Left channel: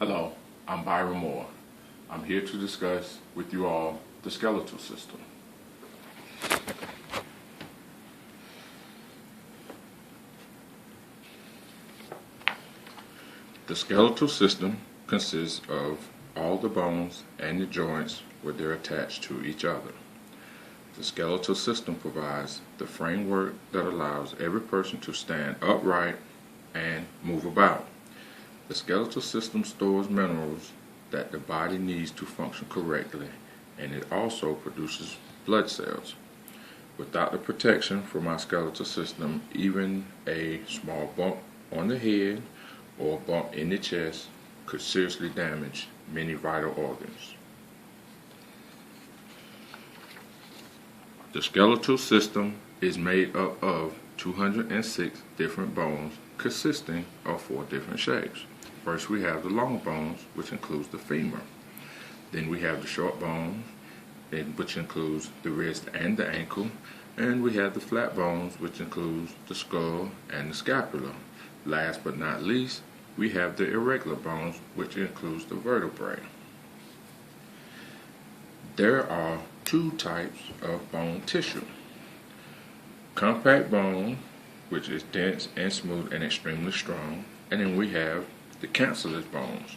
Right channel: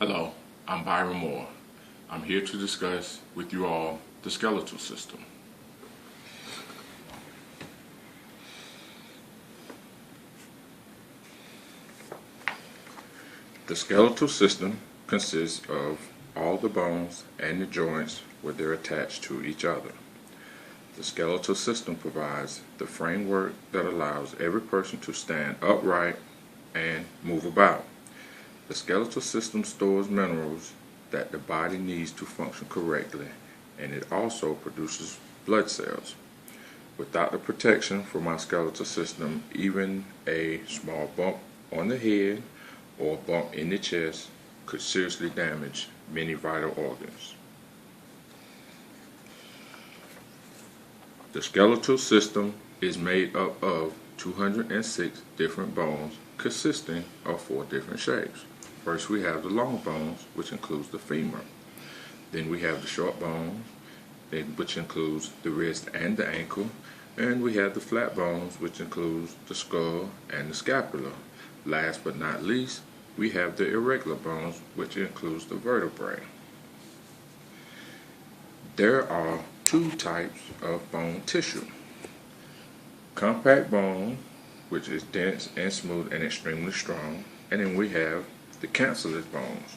Hello, I'm Byron Moore. I'm here to discuss with you all the skeletal system. The skeletal system consists of all the bones and the joints where they're attached to each other. The skeletal system provides the framework that allows every person to stand upright and move about. The skeletal system stores minerals that the body needs to function correctly, and it also produces blood cells. Without the protection from our skeletal system, even a small bump on the head or a bump in the chest could seriously damage many vital organs. The skeletal system is made up of 206 different bones consisting of 4 different shapes. First, we have the long bones, which includes the femur. Then we have the short bones, which includes the wrist and the ankle. And we have the flat bones, which includes the skull and the scapula. Last but not least, we have the irregular bones, which includes the vertebrae. There are 2 types of bone tissue. Compact bone, which is dense and smooth and extremely strong. And then we have the cancellous bones,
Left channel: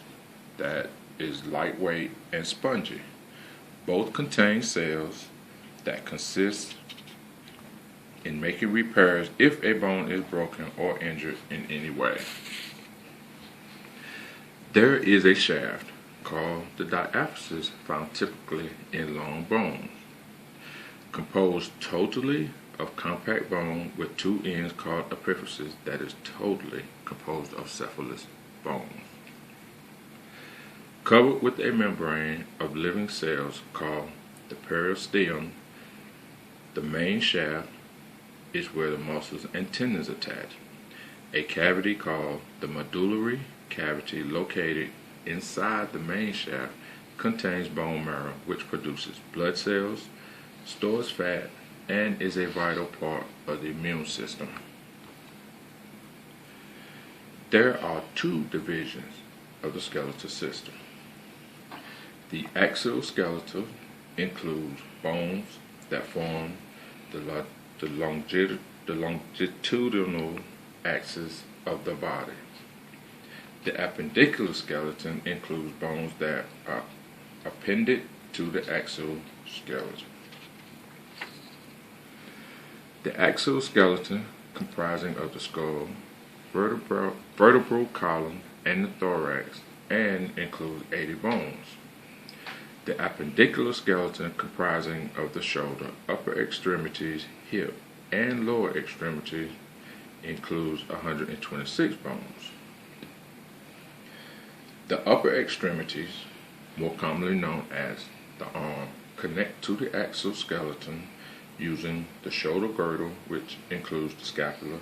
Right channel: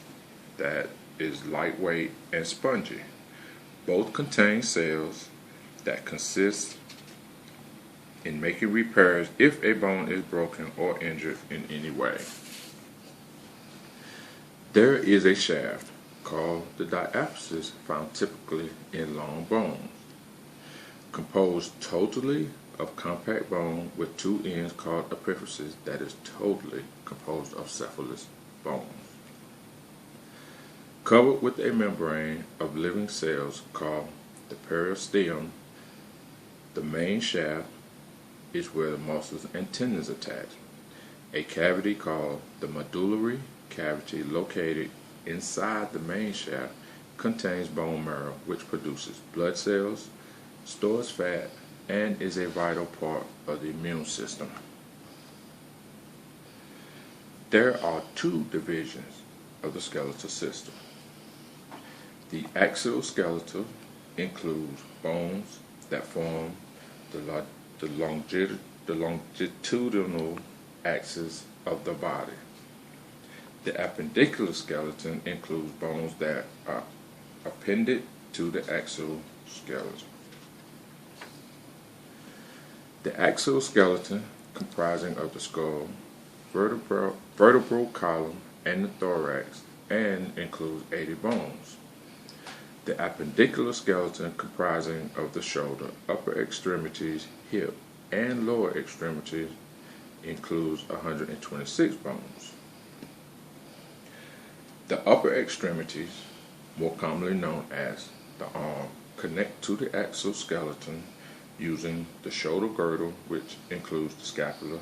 that is lightweight and spongy. Both contain cells that consist in making repairs if a bone is broken or injured in any way. There is a shaft called the diaphysis found typically in long bones, composed totally of compact bone with 2 ends called epiphysis that is totally composed of cephalous bones, covered with a membrane of living cells called the periosteum. The main shaft is where the muscles and tendons attach. A cavity called the medullary cavity located inside the main shaft contains bone marrow, which produces blood cells, stores fat, and is a vital part of the immune system. There are 2 divisions of the skeletal system. The exoskeleton includes bones that form the longitudinal axis of the body. The appendicular skeleton includes bones that are appended to the exoskeleton. The exoskeleton, comprising of the skull, vertebral column, and the thorax, and includes 80 bones. The appendicular skeleton, comprising of the shoulder, upper extremities, hip, and lower extremities, includes 126 bones. The upper extremities, more commonly known as the arm, connect to the exoskeleton using the shoulder girdle, which includes the scapula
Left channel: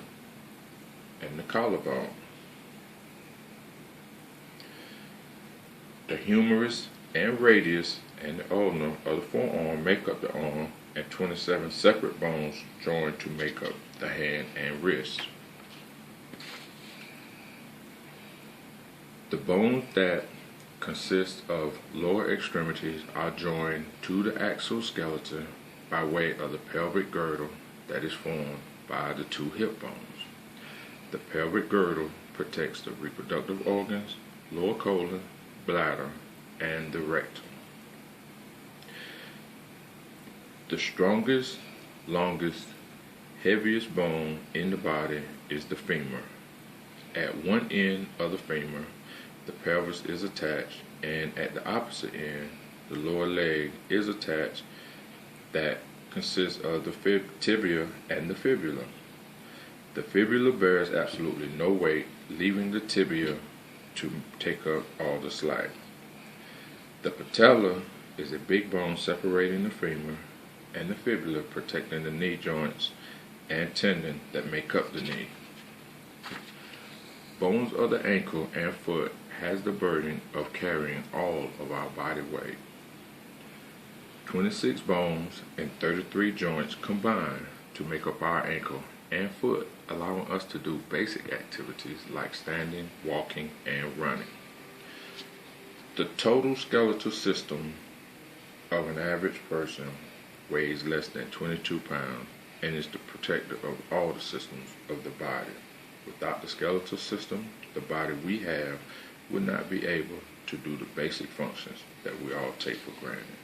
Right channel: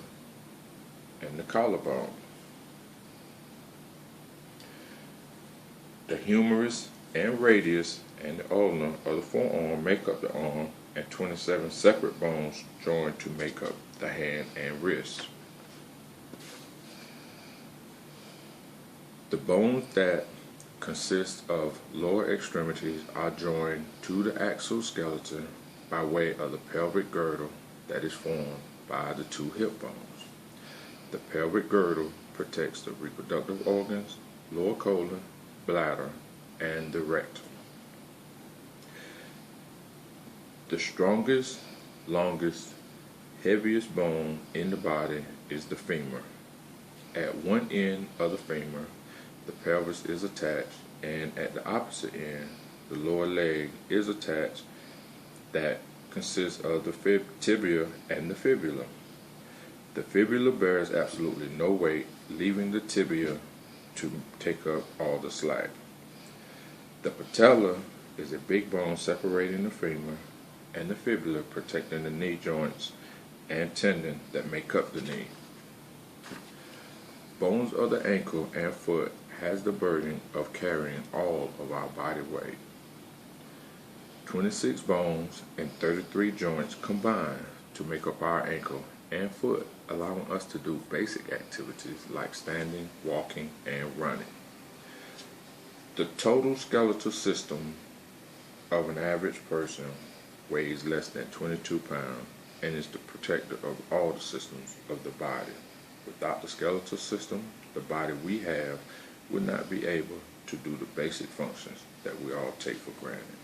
and the collarbone. The humerus and radius and the ulna of the forearm make up the arm, and 27 separate bones join to make up the hand and wrist. The bones that consist of lower extremities are joined to the exoskeleton by way of the pelvic girdle that is formed by the 2 hip bones. The pelvic girdle protects the reproductive organs, lower colon, bladder, and the rectum. The strongest, longest, heaviest bone in the body is the femur. At one end of the femur, the pelvis is attached, and at the opposite end, the lower leg is attached, that consists of the tibia and the fibula. The fibula bears absolutely no weight, leaving the tibia to take up all the slack. The patella is a big bone separating the femur, and the fibula protecting the knee joints and tendon that make up the knee. Bones of the ankle and foot has the burden of carrying all of our body weight. 26 bones and 33 joints combine to make up our ankle and foot, allowing us to do basic activities like standing, walking, and running. The total skeletal system of an average person weighs less than 22 pounds and is the protector of all the systems of the body. Without the skeletal system, the body we have would not be able to do the basic functions that we all take for granted.